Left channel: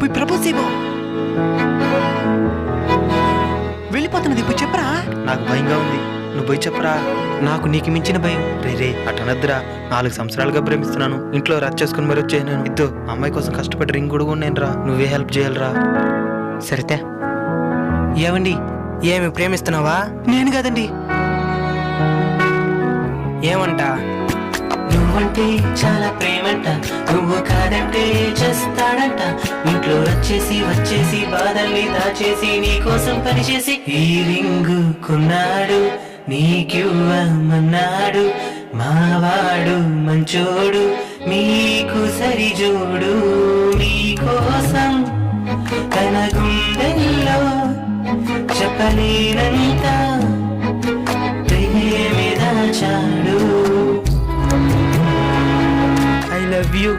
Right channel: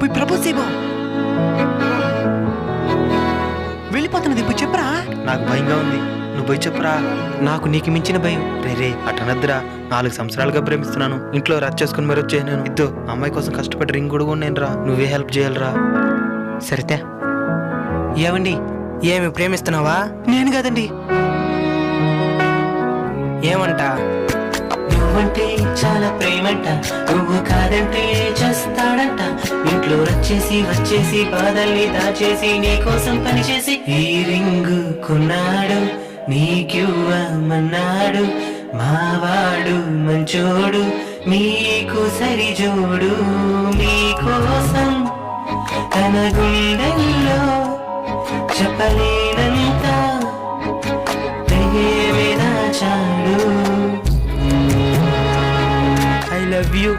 పోయి ప్రపోజ్ చేయబో. వెళ్ళిపోతున్నది పోయి చెప్పరా. నాకు భయంగా ఉంది, నువ్వు పోయి చెప్పరా. నాకు నీకు మించిన భయం. రే అటనద్దురా, 4 సంవత్సరాలుగా ప్రేమిస్తున్నాను. ఇంట్లో రచ్చ చేసుకుని మరి వచ్చే నేను ఇద్దో అమ్మాయి కోసం కష్టపడి రింగ్ కూడా నేను రా. నువ్వే హెల్ప్ చేయాలరా. సరితే ఏమండి, ఏమి ప్రేమిస్తున్నావా? నేను కాదండి. ఏమంట? నువ్వంటే చాలా ప్రేమంట, నువ్వు కాదంటే చేస్తాడంట. ఇంట్లో వచ్చేసి బాధల్ని దాచేసి నీ కోసం పనిచేసి ఈ రింగు కొన్నాడు, నీకివ్వమన్నాడు. మావాడు మంచోడు, మీకు సరిజోడు. మీకోసం తన గుండెల్లో చెప్పలేనంత ప్రేమే దాచాడు. I love you.